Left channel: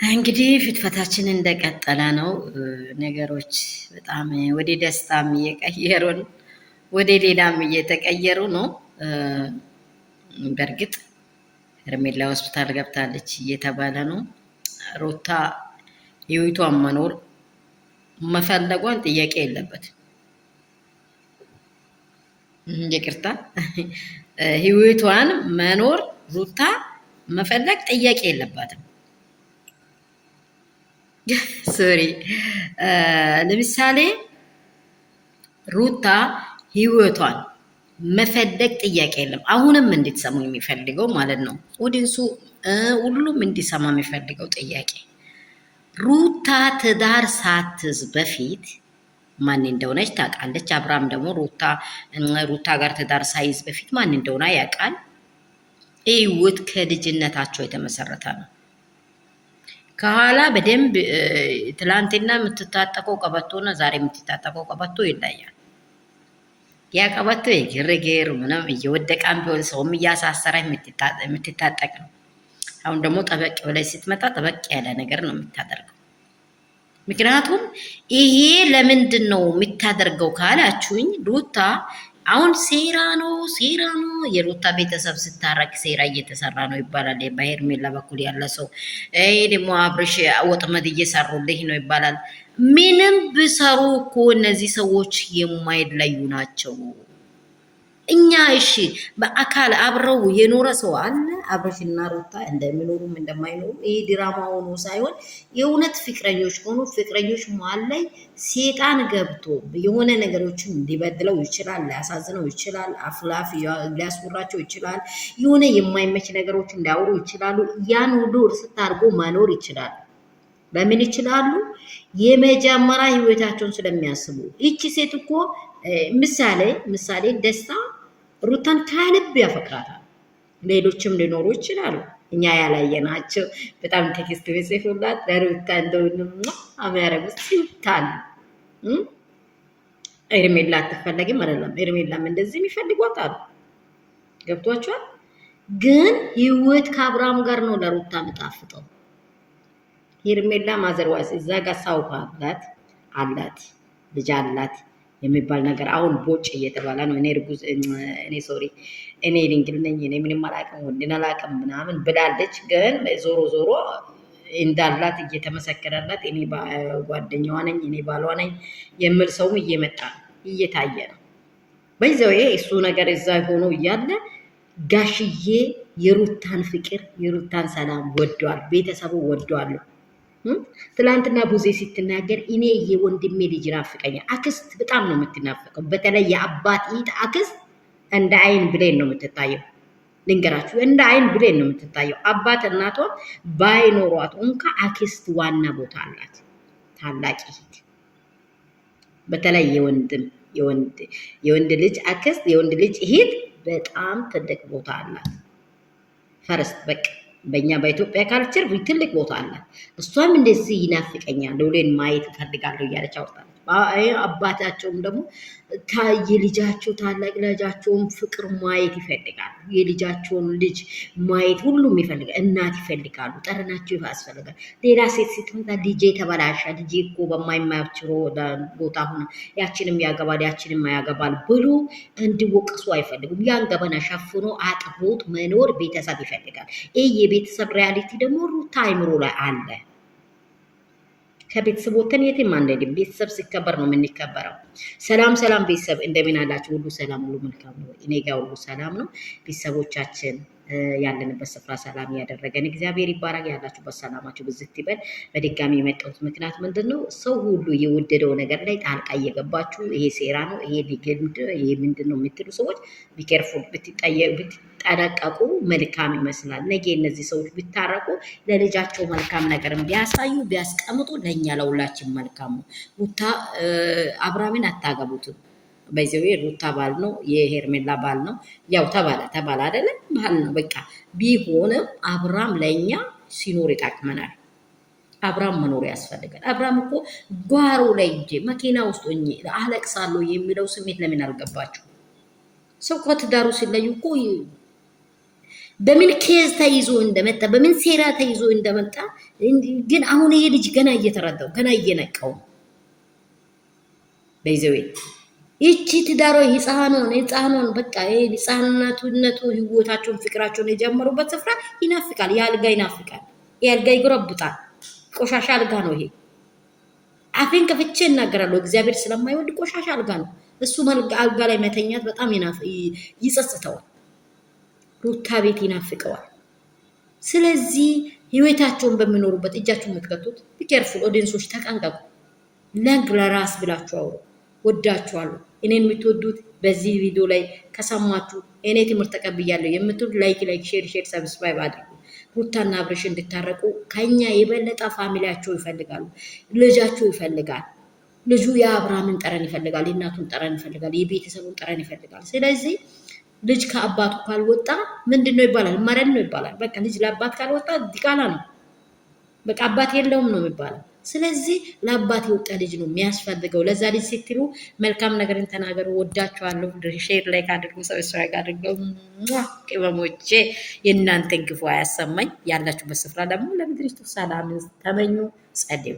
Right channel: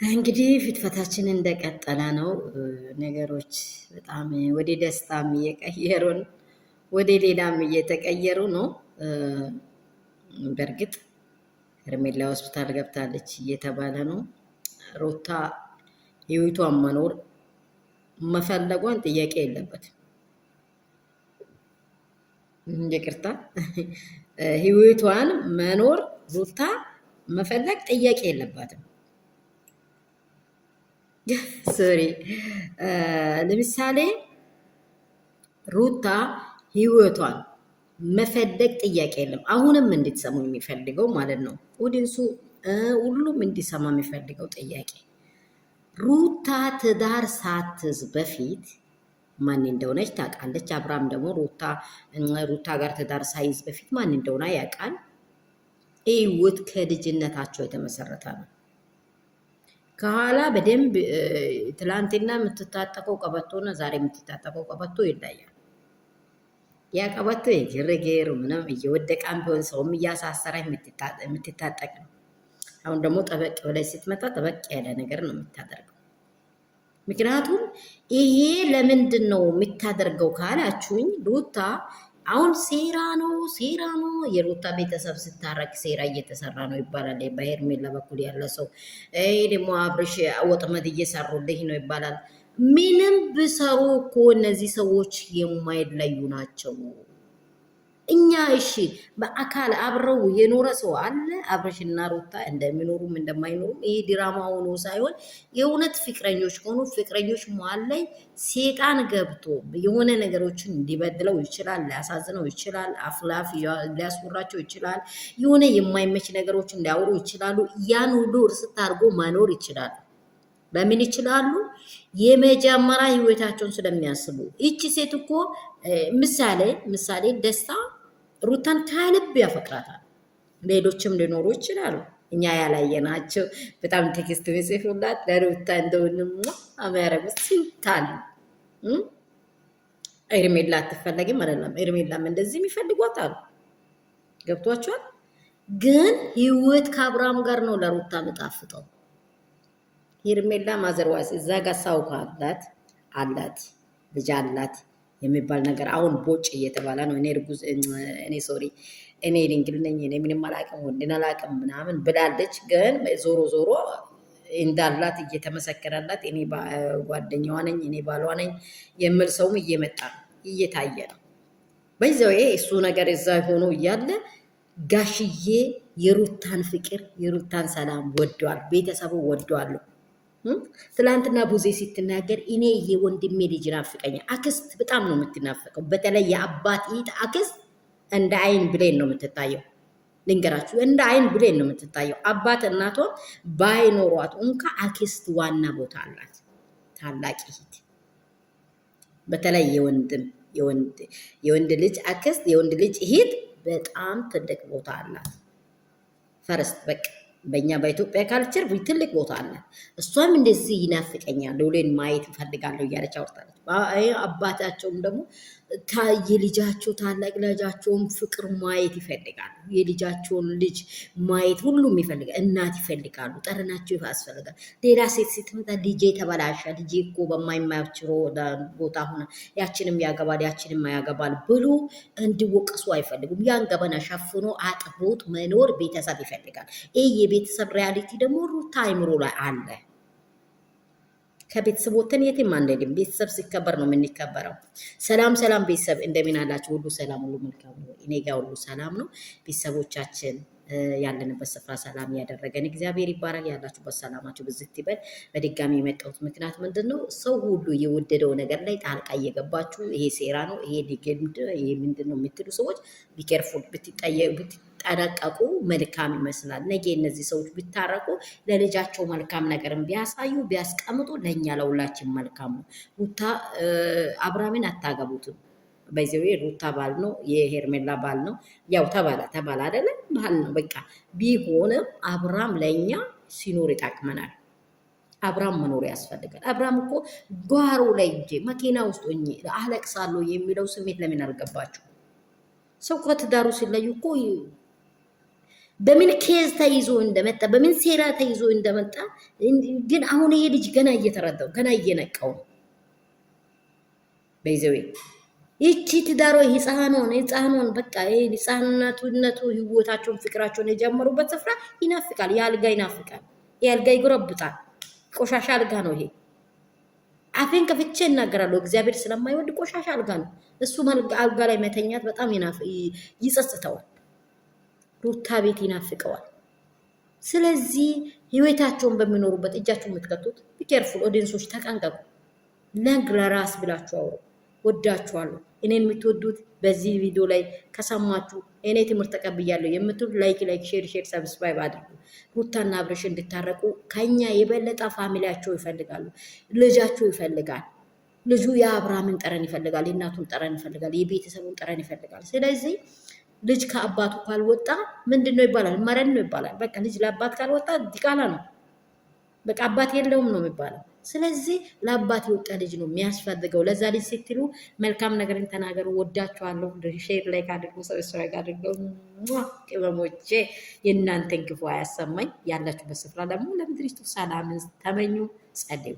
እንግዲህ ፍትፈታችን እንደቀጠለ ነው። ነገሮች በጣም ወደ ደስታም እየቀየሩን ወደ ሌላም እየተቀየሩ ነው። በእርግጥ ሄርሜላ ሆስፒታል ገብታለች እየተባለ ነው። ሩታ ህይወቷን መኖር መፈለጓን ጥያቄ የለበትም። ይቅርታ ህይወቷን መኖር ሩታ መፈለግ ጥያቄ የለባትም። ሶሪ ለምሳሌ ሩታ ህይወቷን መፈለግ ጥያቄ የለም። አሁንም እንድትሰሙ የሚፈልገው ማለት ነው ኦዲንሱ ሁሉም እንዲሰማ የሚፈልገው ጥያቄ ሩታ ትዳር ሳትዝ በፊት ማን እንደሆነች ታውቃለች። አብርሃም ደግሞ ሩታ ጋር ትዳር ሳይዝ በፊት ማን እንደሆነ ያውቃል። ህይወት ከልጅነታቸው የተመሰረተ ነው። ከኋላ በደንብ ትላንትና የምትታጠቀው ቀበቶና ዛሬ የምትታጠቀው ቀበቶ ይለያል። ያ ቀበቶ የግርግር ምንም እየወደቃም ቢሆን ሰውም እያሳሰረ የምትታጠቅ ነው። አሁን ደግሞ ጠበቅ ብላይ ስትመጣ ጠበቅ ያለ ነገር ነው የምታደርገው። ምክንያቱም ይሄ ለምንድን ነው የምታደርገው ካላችሁኝ ሩታ አሁን ሴራ ነው የሩታ ቤተሰብ ስታረቅ ሴራ እየተሰራ ነው ይባላል። በሄርሜላ በኩል ያለ ሰው ይሄ ደግሞ አብርሽ ወጥመድ እየሰሩልኝ ነው ይባላል። ምንም ብሰሩ እኮ እነዚህ ሰዎች የማይለዩ ናቸው። እኛ እሺ በአካል አብረው የኖረ ሰው አለ። አብርሽና ሩታ እንደሚኖሩም እንደማይኖሩም ይሄ ድራማ ሆኖ ሳይሆን የእውነት ፍቅረኞች ሆኑ ፍቅረኞች መሀል ላይ ሴጣን ገብቶ የሆነ ነገሮችን ሊበድለው ይችላል፣ ሊያሳዝነው ይችላል፣ አፍላፍ ሊያስወራቸው ይችላል፣ የሆነ የማይመች ነገሮች እንዲያወሩ ይችላሉ። ያን ሁሉ እርስት አድርጎ መኖር ይችላል። በምን ይችላሉ? የመጀመሪያ ህይወታቸውን ስለሚያስቡ። ይቺ ሴት እኮ ምሳሌ ደስታ ሩታን ከልብ ያፈቅራታል። ሌሎችም ሊኖሩ ይችላሉ እኛ ያላየናቸው። በጣም ቴክስት ቢጽፉላት ለሩታ እንደሆንም አሚያረጉ ሲታል ኤርሜላ አትፈለጊም አይደለም። ኤርሜላም እንደዚህ የሚፈልጓት አሉ። ገብቷቸዋል። ግን ህይወት ከአብርሃም ጋር ነው ለሩታ ምጣፍጠው። ሄርሜላ ማዘርዋስ እዛ ጋር ሳው አላት ልጅ አላት የሚባል ነገር አሁን ቦጭ እየተባለ ነው። እኔ ድንግል ነኝ፣ እኔ ምንም አላውቅም፣ ወንድን አላውቅም ምናምን ብላለች። ግን ዞሮ እንዳላት እየተመሰከረላት እኔ ጓደኛዋ ነኝ፣ እኔ ባሏ ነኝ የሚል ሰውም እየመጣ እየታየ ነው። በዛው እሱ ነገር እዛ ሆኖ እያለ ጋሽዬ የሩታን ፍቅር የሩታን ሰላም ወደዋል፣ ቤተሰቡ ወደዋል። ትላንትና ቡዜ ስትናገር እኔ የወንድሜ ልጅ ናፍቀኛል። አክስት በጣም ነው የምትናፈቀው። በተለይ የአባት ኢት አክስት እንደ አይን ብሌን ነው የምትታየው። ልንገራችሁ፣ እንደ አይን ብሌን ነው የምትታየው። አባት እናቷ ባይኖሯት እንኳ አክስት ዋና ቦታ አላት። ታላቅ ኢት በተለይ የወንድ ልጅ አክስት የወንድ ልጅ ኢት በጣም ትልቅ ቦታ አላት። ፈረስት በቃ በእኛ በኢትዮጵያ ካልቸር ትልቅ ቦታ አላት። እሷም እንደዚህ ይናፍቀኛል ሎሌን ማየት እፈልጋለሁ እያለች አውርታለች። አባታቸውም ደግሞ የልጃቸው ታላቅ ልጃቸውን ፍቅር ማየት ይፈልጋሉ። የልጃቸውን ልጅ ማየት ሁሉም ይፈልጋል። እናት ይፈልጋሉ። ጠረናቸው ያስፈልጋል። ሌላ ሴት ስትመጣ ልጄ ተበላሻ፣ ልጄ እኮ በማይማያቸው ቦታ ሆነ ያችንም ያገባል ያችንም ያገባል ብሎ እንዲወቀሱ አይፈልጉም። ያን ገበና ሸፍኖ አጥቦት መኖር ቤተሰብ ይፈልጋል። ይህ የቤተሰብ ሪያሊቲ ደግሞ ሩታ አይምሮ ላይ አለ። ከቤተሰብ ወተን የትም አንሄድም። ቤተሰብ ሲከበር ነው የምንከበረው። ሰላም ቤተሰብ እንደምን አላችሁ? ሁሉ ሰላም፣ ሁሉ መልካም ነው። እኔ ጋር ሁሉ ሰላም ነው። ቤተሰቦቻችን ያለንበት ስፍራ ሰላም ያደረገን እግዚአብሔር ይባረክ። ያላችሁበት ሰላማችሁ ብዝት ይበል። በድጋሚ የመጣሁት ምክንያት ምንድን ነው? ሰው ሁሉ የወደደው ነገር ላይ ጣልቃ እየገባችሁ ይሄ ሴራ ነው፣ ይሄ ሊገምድ፣ ይሄ ምንድን ነው የምትሉ ሰዎች ቢኬርፉል ብትጠነቀቁ መልካም ይመስላል። ነገ እነዚህ ሰዎች ቢታረቁ ለልጃቸው መልካም ነገርን ቢያሳዩ ቢያስቀምጡ ለእኛ ለሁላችን መልካም ነው። ሩታ አብርሃምን አታገቡትም። በዚሁ ሩታ ባል ነው፣ የሄርሜላ ባል ነው። ያው ተባለ አይደለም ባል ነው በቃ። ቢሆንም አብርሃም ለእኛ ሲኖር ይጠቅመናል። አብርሃም መኖር ያስፈልጋል። አብርሃም እኮ ጓሮ ላይ እንጂ መኪና ውስጥ ሆኜ አለቅሳለሁ የሚለው ስሜት ለምን አልገባችሁ? ሰው ከትዳሩ ሲለዩ እኮ በምን ኬዝ ተይዞ እንደመጣ በምን ሴራ ተይዞ እንደመጣ ግን አሁን ይሄ ልጅ ገና እየተረዳው ገና እየነቀው በይዘው ይቺ ትዳሯ ህፃኗን በቃ ይሄ ህፃንነቱ ህይወታቸውን ፍቅራቸውን የጀመሩበት ስፍራ ይናፍቃል። የአልጋ ይናፍቃል። የአልጋ ይጎረብጣል። ቆሻሻ አልጋ ነው ይሄ። አፌን ከፍቼ እናገራለሁ። እግዚአብሔር ስለማይወድ ቆሻሻ አልጋ ነው እሱ። አልጋ ላይ መተኛት በጣም ይጸጽተዋል። ሩታ ቤት ይናፍቀዋል። ስለዚህ ህይወታቸውን በሚኖሩበት እጃቸውን የምትቀጡት ቢኬርፉል። ኦዲየንሶች ተጠንቀቁ። ነግ ለራስ ብላችሁ ወዳችኋለሁ። እኔን የምትወዱት በዚህ ቪዲዮ ላይ ከሰማችሁ እኔ ትምህርት ተቀብያለሁ የምትሉ ላይክ ሼር ሰብስክራይብ አድርጉ። ሩታና አብርሽ እንድታረቁ ከኛ የበለጠ ፋሚሊያቸው ይፈልጋሉ። ልጃቸው ይፈልጋል። ልጁ የአብርሃምን ጠረን ይፈልጋል። የእናቱን ጠረን ይፈልጋል። የቤተሰቡን ጠረን ይፈልጋል። ስለዚህ ልጅ ከአባቱ ካልወጣ ምንድን ነው ይባላል? መረን ነው ይባላል። በቃ ልጅ ለአባት ካልወጣ ዲቃላ ነው። በቃ አባት የለውም ነው የሚባለው። ስለዚህ ለአባት የወጣ ልጅ ነው የሚያስፈልገው። ለዛ ልጅ ስትሉ መልካም ነገርን ተናገሩ። ወዳችኋለሁ። ሼር ላይ ካድርጉ፣ ሰብስክራይብ አድርገው። ቅመሞቼ የእናንተን ክፉ አያሰማኝ። ያላችሁበት ስፍራ ደግሞ ለምድሪቱ ሰላምን ተመኙ። ጸልዩ።